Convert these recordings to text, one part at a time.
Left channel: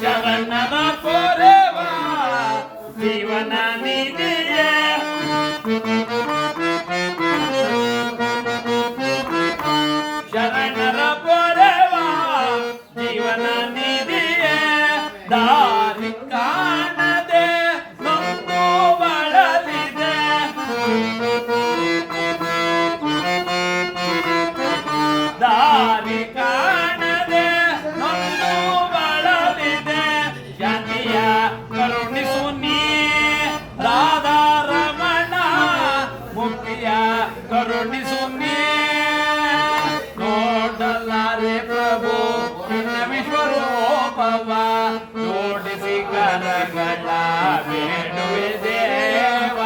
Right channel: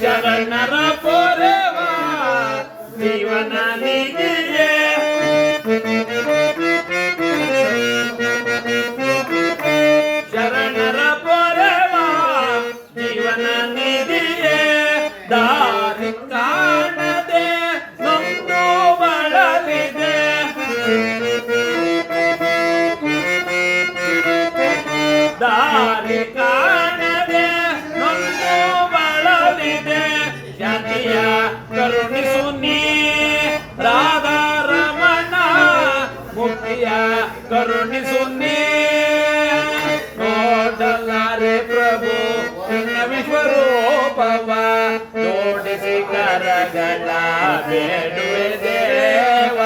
ಶರಣರ ಪೊರೆವ ಜೀವನ ನಿಧಿಯೇ ಶರಣರ ಪೊರೆವ ಜೀವನ ನಿಧಿಯೇ ದಾರಿ ಕಾಣದೆ ನೊಂದು ಬಳಲಿದೆ ದಾರಿ ಕಾಣದೆ ನೊಂದು ಬಳಲಿದೆ ಶನಿಯ ಕರುಣಿಸು ನೀ ರಾಧಾ ರಮಣ ಮುಕ್ತಿಯ ಕರುಣಿಸು ನೀ ನೋಡಲಾರೆ ಪ್ರಭು ನಿನ್ನ ವಿಶ್ವರೂಪವ ಜೋಡಿಸಿ ಕರಗಳ ಬೇಡುವೆ ದೇವ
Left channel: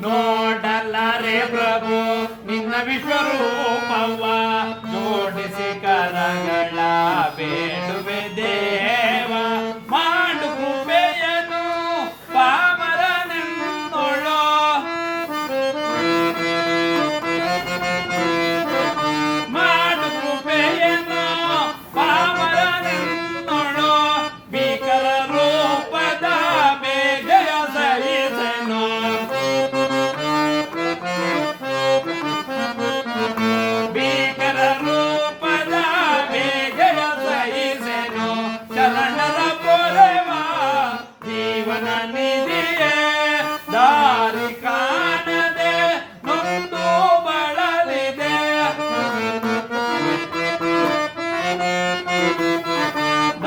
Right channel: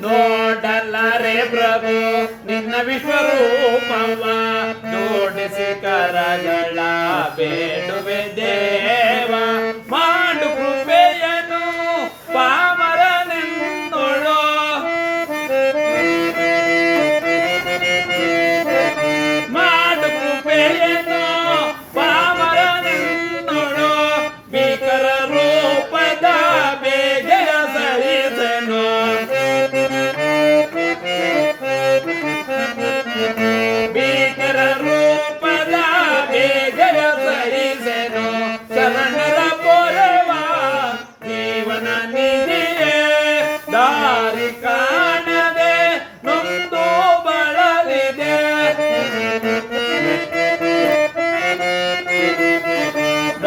ನೋಡಲಾರೆ ಪ್ರಭು ನಿನ್ನ ವಿಶ್ವರೂಪವ ಜೋಡಿಸಿ ಕರಗಳ ಬೇಡುವೆ ದೇವ ಮಾಡು ಕೃಪೆಯನು ಪಾಮರನೆಂದೊಳು ಮಾಡು ಕೃಪೆಯನು ಪಾಮರನೆಂದೊಳು ಭೀಕರ ರೂಪದ ಬೇಗೆಯ ಸರಿಸನು ಭೀಕರ ರೂಪದ ಬೇಗೆಯ ಸರಿಸನು ಶರಣರ ಪೊರೆವ ಜೀವನ ನಿಧಿಯೇ ದಾರಿ ಕಾಣದೆ ನೊಂದು ಬಳಲಿದೆ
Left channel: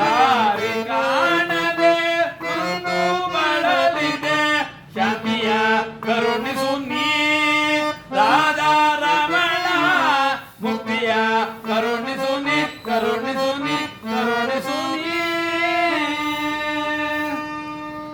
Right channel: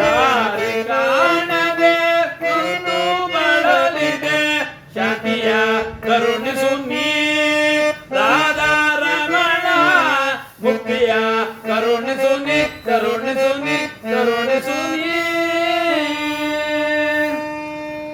ದಾರಿ ಕಾಣದೆ ನೊಂದು ಬಳಲಿದೆ ಶನಿಯ ಕರುಣಿಸು ನೀ ರಾಧಾ ರಮಣ ಮುಕ್ತಿಯ ಕರುಣಿಸು ನೀ ಕರುಣಿಸು ನೀ ಕರುಣಿಸು